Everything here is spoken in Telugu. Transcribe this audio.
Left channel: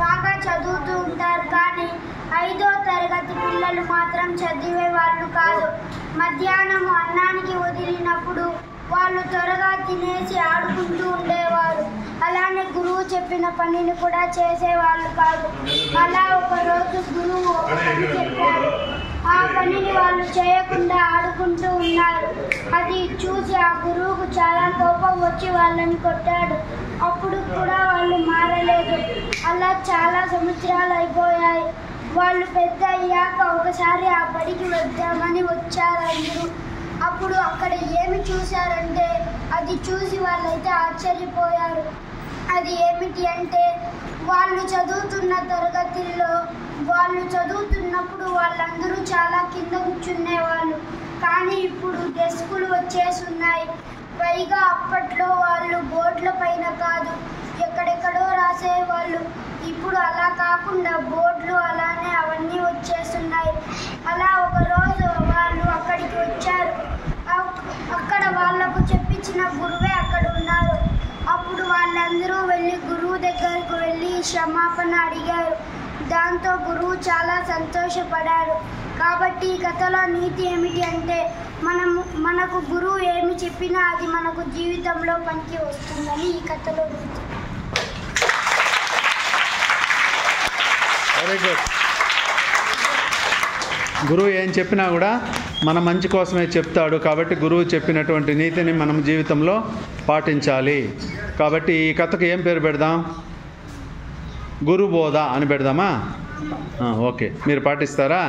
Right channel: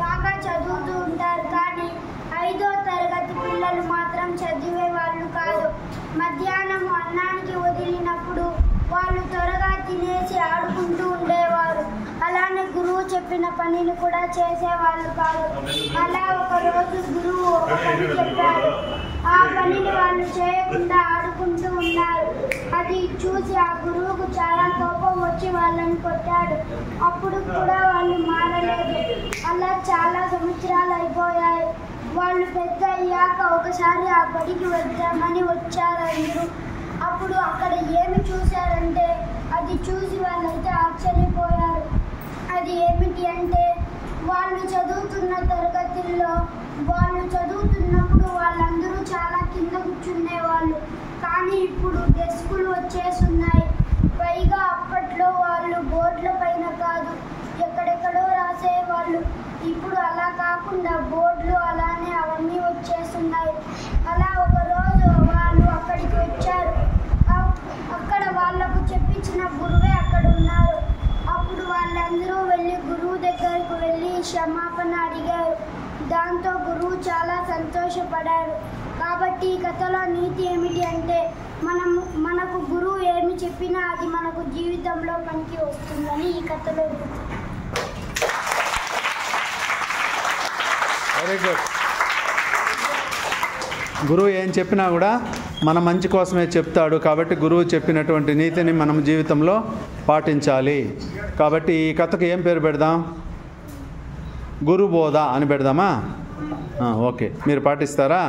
బాగా చదువుతూ ఉంటారు, కానీ 5వ తరగతి పిల్లలు మాత్రం చదివే వాళ్ళు కాదు. మధ్యాహ్నం అన్నానికి వదిలినప్పుడు వాళ్ళు త్వరగా తినేసి ఆడుకుంటూ ఉండేవారు. అలానే గురువు చెప్పిన పనిని కూడా చేసేవాళ్ళు కాదు. అలా ఒకరోజు గురువు ఒక పని చెప్పారు. ఆ పనిని వాళ్ళు చేయకుండా ఆడుకుంటూ ఉన్నారు. అది చూసి ఆ గురువుకు చాలా కోపం వచ్చి వాళ్ళని కొట్టాడు. అప్పుడు కూడా వాళ్ళు మారలేదు. అలా చాలా సంవత్సరాలు అయిపోయాయి. వాళ్ళు పెద్ద అయ్యాక ఒకసారి ఆ బడికి వద్దామని వచ్చారు అందరూ. అప్పుడు అక్కడ ఏమి చూశారంటే, అది చూసి వాళ్ళైతే ఆశ్చర్యపోయారు. అది ఏమిటి అంటే, వాళ్ళు చదువుతున్న తరగతుల్లో వాళ్ళు చదువుతున్నప్పుడు వాళ్ళందరూ చాలా కింద కూర్చునేవాళ్ళు, కానీ ఇప్పుడు డెస్కులు వచ్చేస్తున్నాయి. పైగా అప్పట్లో వాళ్ళు బోర్డుల పైన కాదు, ఎక్కడెక్కడో రాసేవాళ్ళు. ఇప్పుడు అలా కాకుండా బోర్డులు అలానే అవన్నీ వచ్చేస్తున్నాయి. అలా ఒకరోజు వాళ్ళు అక్కడికి వచ్చారు. అక్కడ వాళ్ళకు చెప్పించిన గురువే అక్కడ ఉన్నారు. అప్పుడు వాళ్ళందరూ వెళ్ళి గురువు దగ్గరకు వెళ్ళి క్షమాపణ అడిగారు. దాంతో గురువు చాలా సంతోషపడారు. కాబట్టి ఈ కథలో నీతి ఏమిటి అంటే, మనకు గురువు ఏమి చెప్పినా అది మనకు జీవితంలో పనికి వస్తుందని ఈ కథలో నీతి. Very good. గురువు ఏం చెప్పినా కూడా మన మంచి కోసమే చెప్తాడు. కాబట్టి గురువు చెప్పినటువంటి నీతిని మనం జీవితంలో పాటించాలి. కాబట్టి ఈ కథకు ఏం పేరు పెడదాం? గురుబోధ అని పెడదామా? ఓకే, మీరు పాటిస్తారా?